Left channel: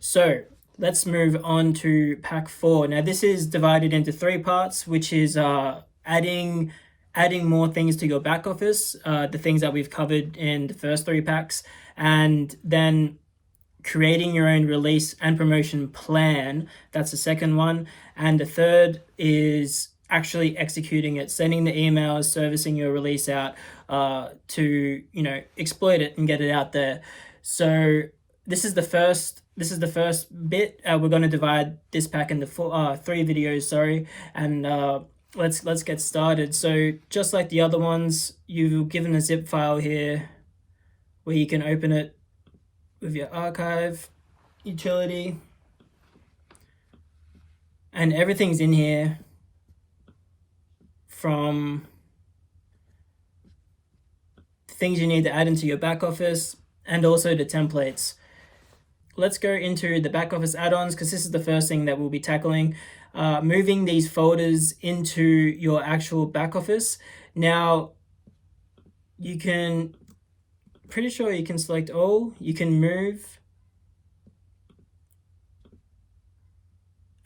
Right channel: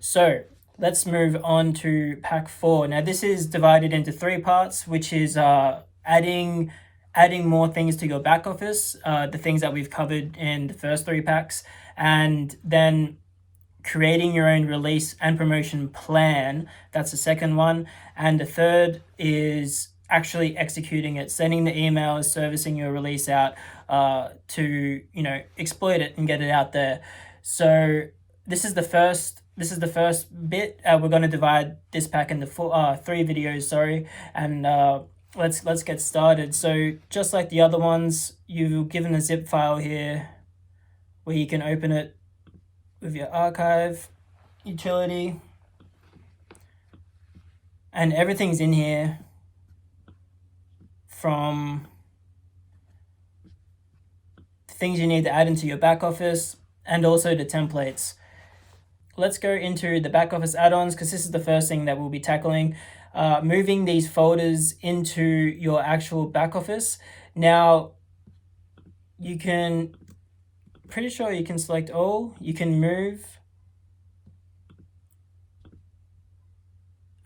So let's move on to pack 4. Now this is divided into 3 parts, which is adding more things to your back office, the things that we've covered in the first 3 packs, and then creating your own release and promotion plan. That's the second one. And the third is actually executing it, sending the emails, servicing your release out to exploit it and get it out there. So this is the first bit. We're going to divide this pack into 3 videos, and let's get started. So just like the other ones, you've given a zip file here where you can open it with your archive utility, and everything's in here, from things you need to add into your back office and also the templates. Let's go into the back office add-ons, because this is the first thing that we'll be tackling. Moving these folders into your actual back office. Now, pretty sure you can select all, you can move,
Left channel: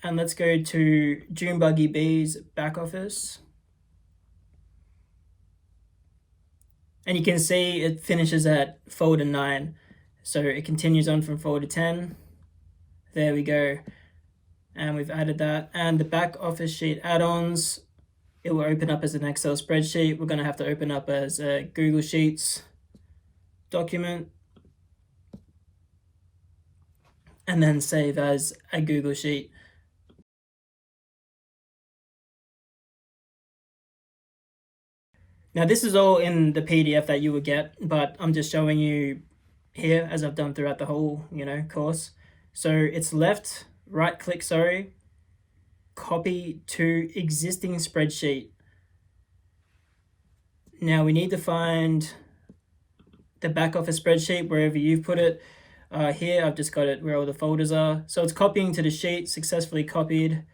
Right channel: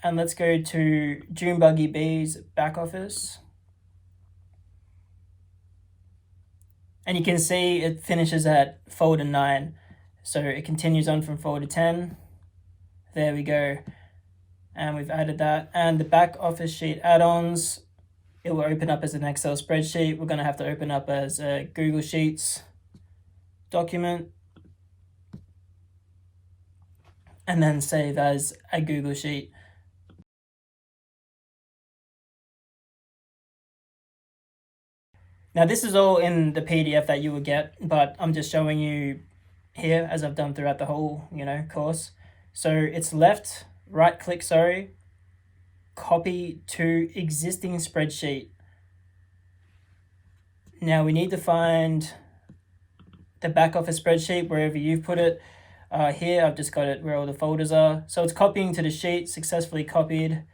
and let's go to Junebuggy B's back office. And you can see it finishes at folder 9. So it continues on from folder 10. There we go. And we've added that. And the back office sheet add-ons, it will open up as an Excel spreadsheet. We're going to have to open up as a Google Sheets document, and then save as a Google Sheet. Now this is all in the PDF that you would get, but I'm just showing you here as I've done throughout the whole course. So it's right click, copy to existing spreadsheet. Now we need to find the back office spreadsheet wherever you've put it. Here I've just got it where all the folders are. So it's copying to the sheet, successfully copied,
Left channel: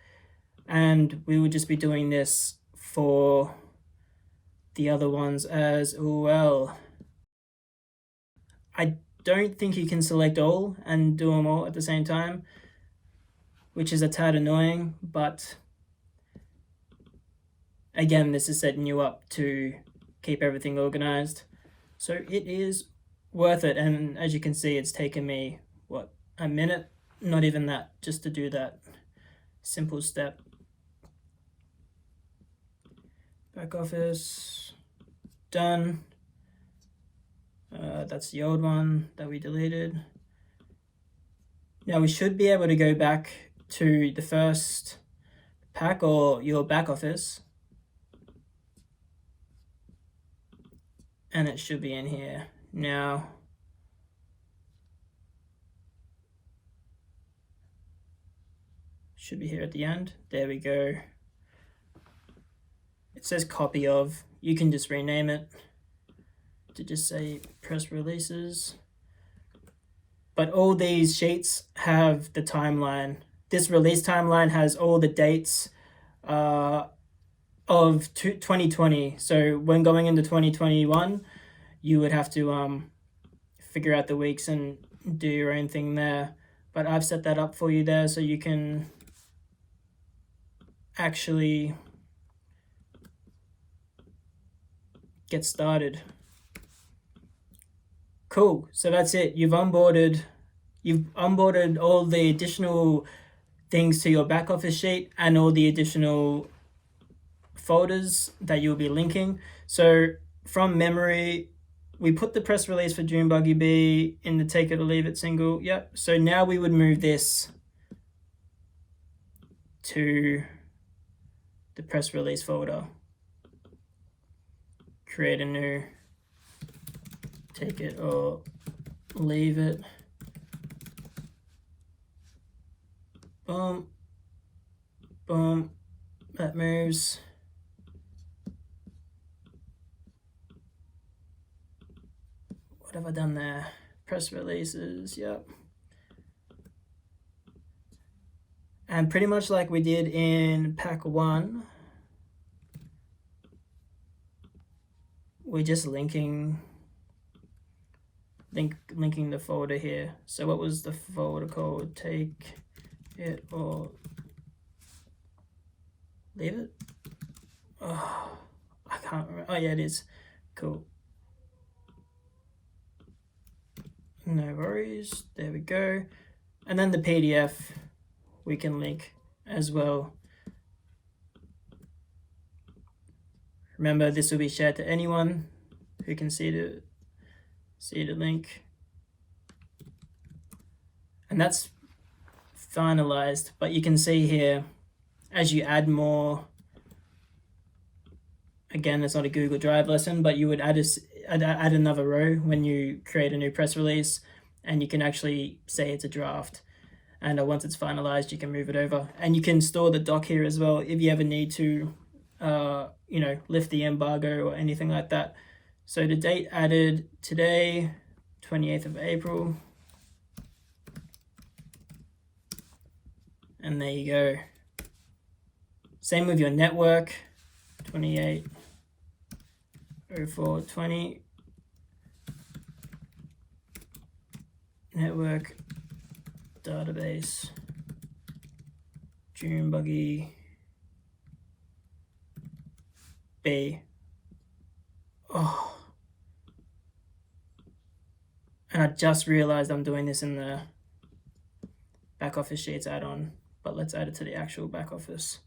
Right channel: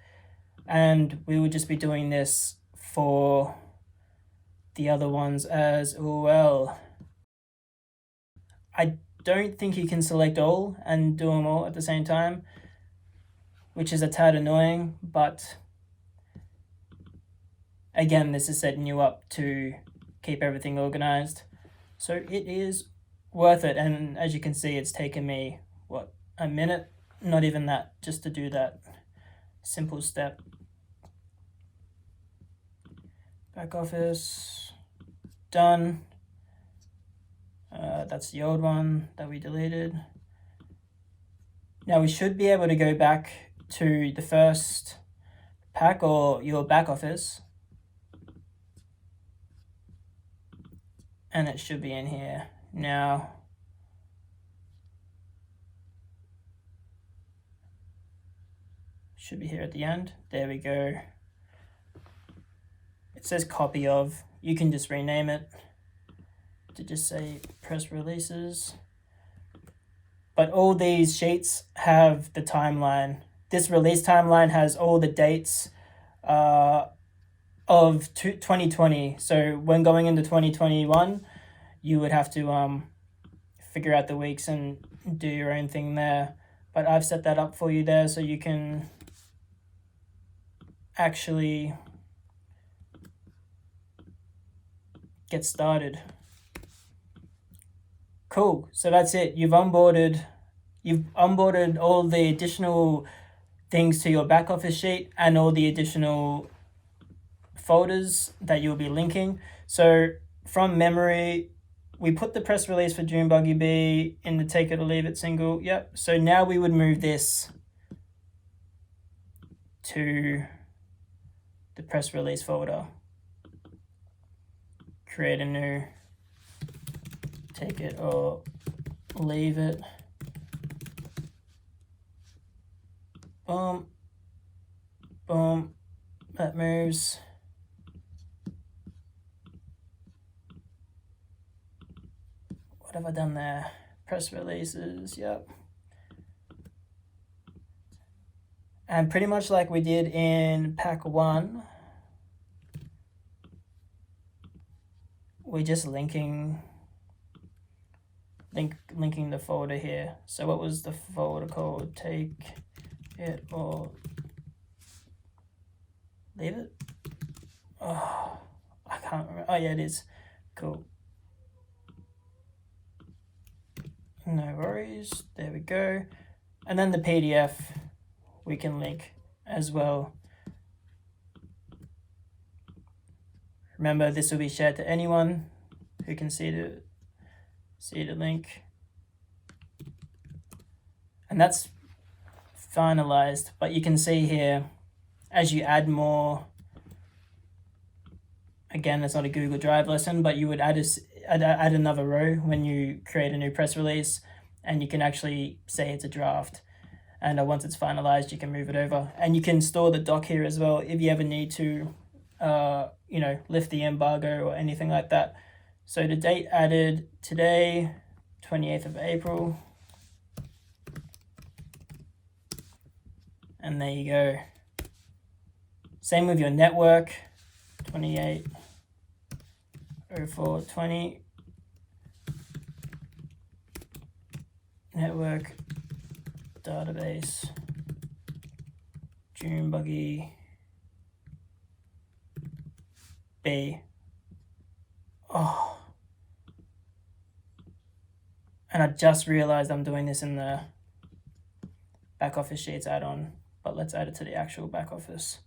and we would just be doing this for the other ones as well. I don't think you can select all and do them all at the same time, which is a tad annoying, but again, this is setting you up to keep everything organized. So it is worth it, and as you can see, it's taken me, a minute? Not even that, just to do that simple step. Back office, done. That's the old one that we deleted. Now we should be able to go back to the first pack or your back office, and it should be in here now. Should be here at the end. There we go. It says copy of. You can just rename it to just say press releases. But all these sheets have the timeline. This release timeline has all the dates of 2020. So when going into 2021, you would have to figure out the weeks and do your own thing there. But I've set that up for you there so you can actually get started. Cool. So that's it. You've onboarded all the additional things to your back office sheet and all the additional folders that you'll be linking. So from memory, we put the press release for Junebuggy B in the take it or leave it single. Yep. So now we would move this to the press release folder. Create a new take it or leave it. Boom. Boom. That moves. What have I done there? Press releases, yep. And pretty much like we did in pack 1, we're just linking linking the folder here. So what was the folder called? Take it or leave it? Oh, I can't remember. Oh yeah, it is. Cool. No worries. There we go. And then the PDF we can link as well. Remember, this will be shared to anyone who can see the link. And that's finalized, but you can see here as you add more, again, it's not a Google Drive lesson, but you would add another row when you create a new press release, and you can actually say it's a draft. And once it's finalized, you can move it over, and you can store the doc here as well if you ever need to lift the embargo or anything like that. So the date added today, 28th of April. And there you go. Same with your network, 28/04/20. Network database, June buggy B. Oh. And I just realized I'm doing this in the back office sheets add-on, but let's add it to the actual back office.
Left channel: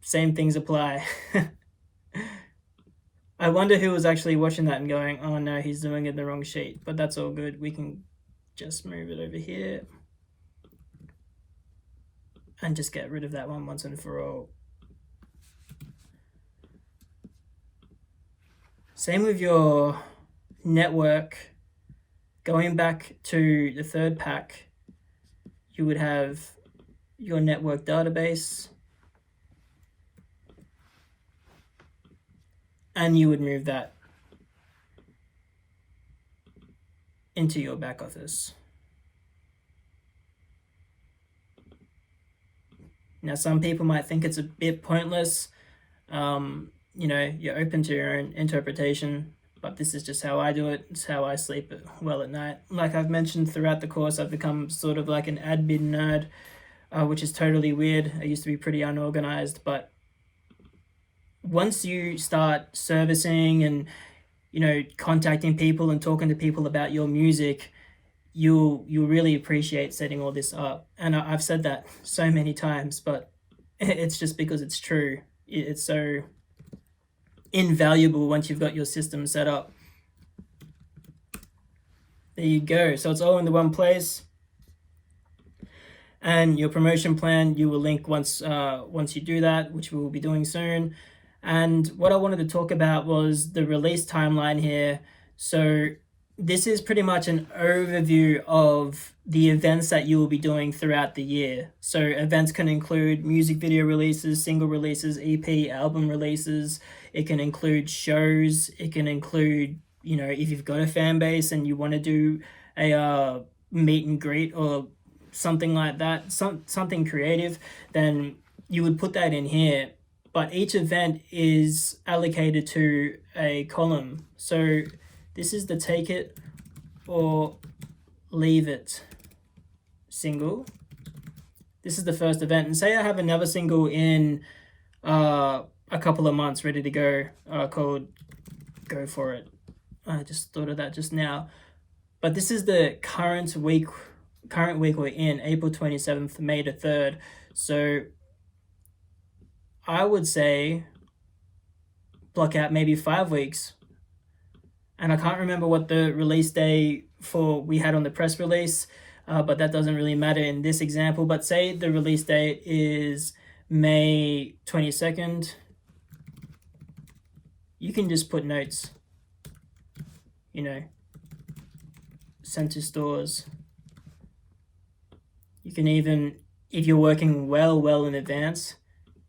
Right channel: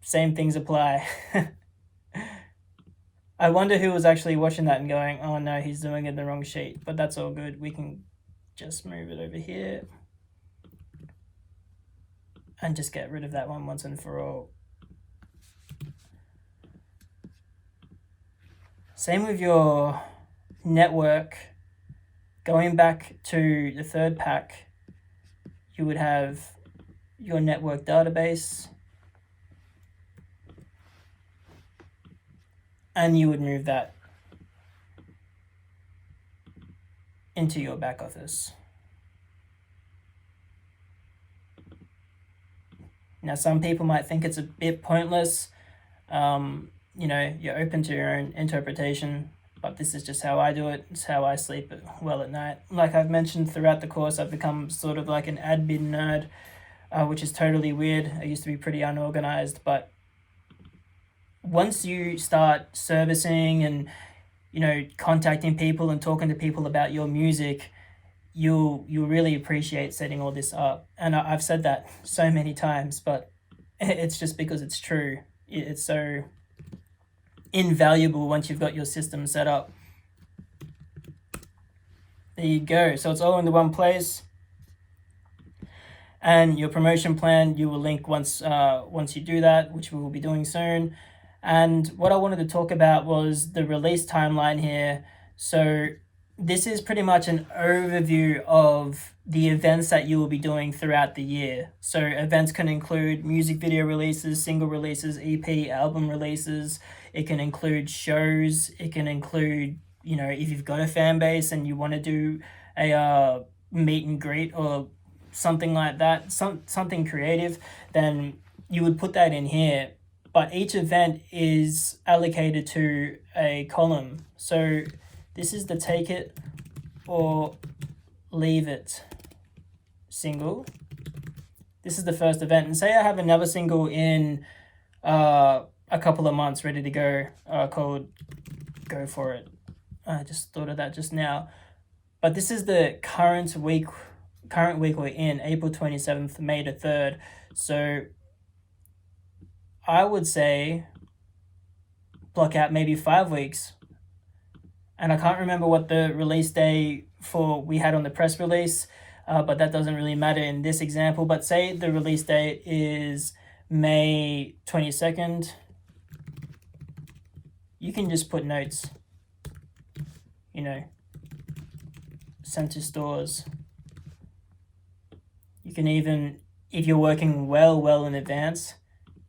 Same things apply. I wonder who was actually watching that and going, oh no, he's doing it in the wrong sheet, but that's all good. We can just move it over here and just get rid of that one once and for all. Same with your network. Going back to the third pack, you would have your network database, and you would move that into your back office. Now, some people might think it's a bit pointless. You're open to your own interpretation, but this is just how I do it. It's how I sleep well at night. Like I've mentioned throughout the course, I've become sort of like an admin nerd, which is totally weird. I used to be pretty unorganized, but once you start servicing and contacting people and talking to people about your music, you'll really appreciate setting all this up. And I've said that so many times, but it's just because it's true. It's so invaluable once you've got your system set up. There you go. So it's all in the one place. And your promotion plan, you will link once you do that, which we will be doing soon. And what I wanted to talk about was the release timeline here. So this is pretty much an overview of the events that you will be doing throughout the year. So events can include music video releases, single releases, EP, album releases. It can include shows. It can include, if you've got a fan base and you want to do a meet and greet or something like that, something creative, then you would put that in here. But each event is allocated to a column. So this is the take it or leave it single. This is the first event. And say I have another single in a couple of months ready to go called Go For It. I just thought of that just now. But this is the current week we're in, April 27th, May the 3rd. So I would say block out maybe 5 weeks. And I can't remember what the release day we had on the press release, but that doesn't really matter in this example. But say the release date is May 22nd. You can just put notes, sent to stores. You can even, if you're working well in advance,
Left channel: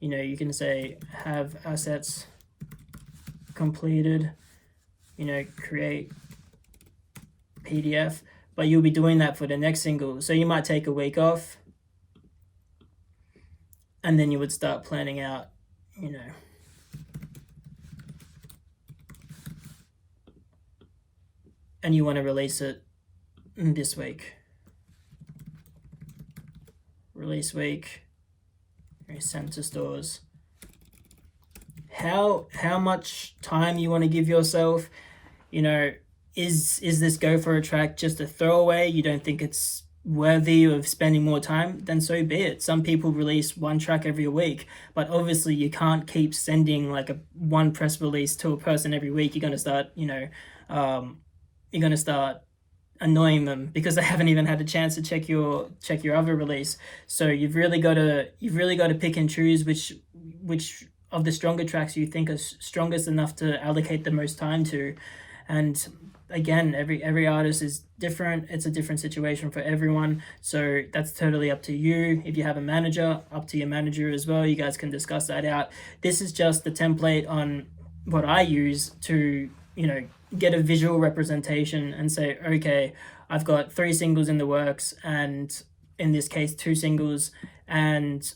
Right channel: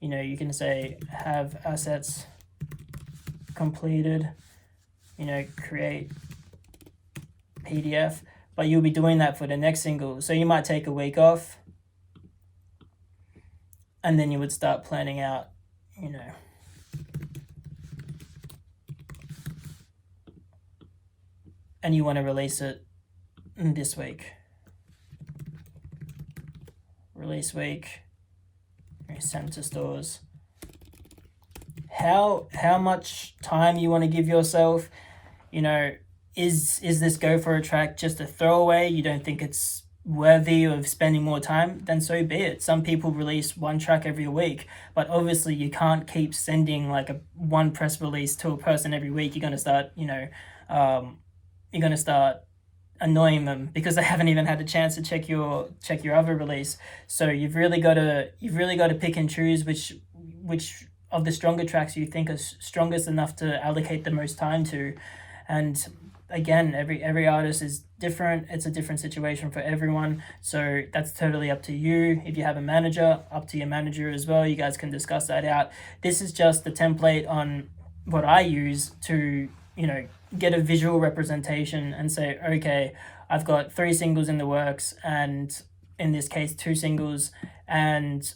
you can say have assets completed, create PDF, but you'll be doing that for the next single. So you might take a week off and then you would start planning out, and you want to release it this week. Release week, send to stores. How much time you want to give yourself? You know, is this go for a track just a throwaway? You don't think it's worthy of spending more time? Then so be it. Some people release one track every week, but obviously you can't keep sending like one press release to a person every week. You're going to start, annoying them because they haven't even had a chance to check your other release. So you've really got to pick and choose which of the stronger tracks you think are strongest enough to allocate the most time to. And again, every artist is different. It's a different situation for everyone, so that's totally up to you. If you have a manager, up to your manager as well. You guys can discuss that out. This is just the template on what I use to get a visual representation and say, okay, I've got 3 singles in the works, and in this case 2 singles, and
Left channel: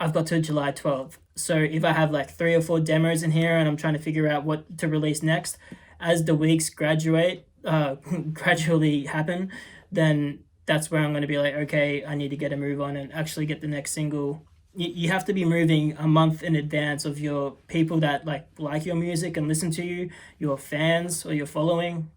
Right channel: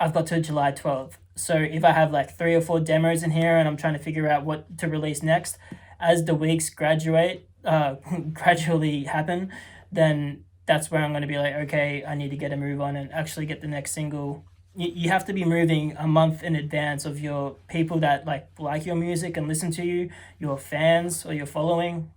I've got to July 12th. So if I have like 3 or 4 demos in here and I'm trying to figure out what to release next, as the weeks gradually happen, then that's where I'm going to be like, okay, I need to get a move on and actually get the next single. You have to be moving a month in advance of your people that like your music and listen to you, your fans or your following.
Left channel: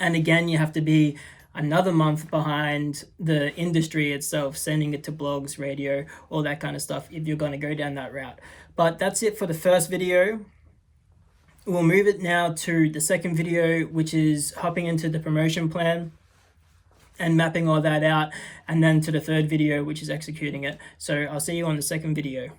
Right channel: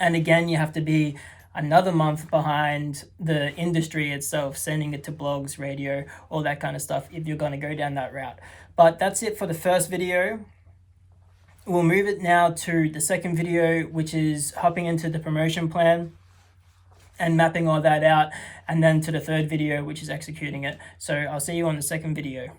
And again, you have to be another month behind the industry itself, sending it to blogs, radio, all that kind of stuff, if you're going to go down that route. But that's it for the first video. We'll move it now to the second video, which is hopping into the promotion plan and mapping all that out, and then to the third video, which is executing it. So I'll see you on the second video.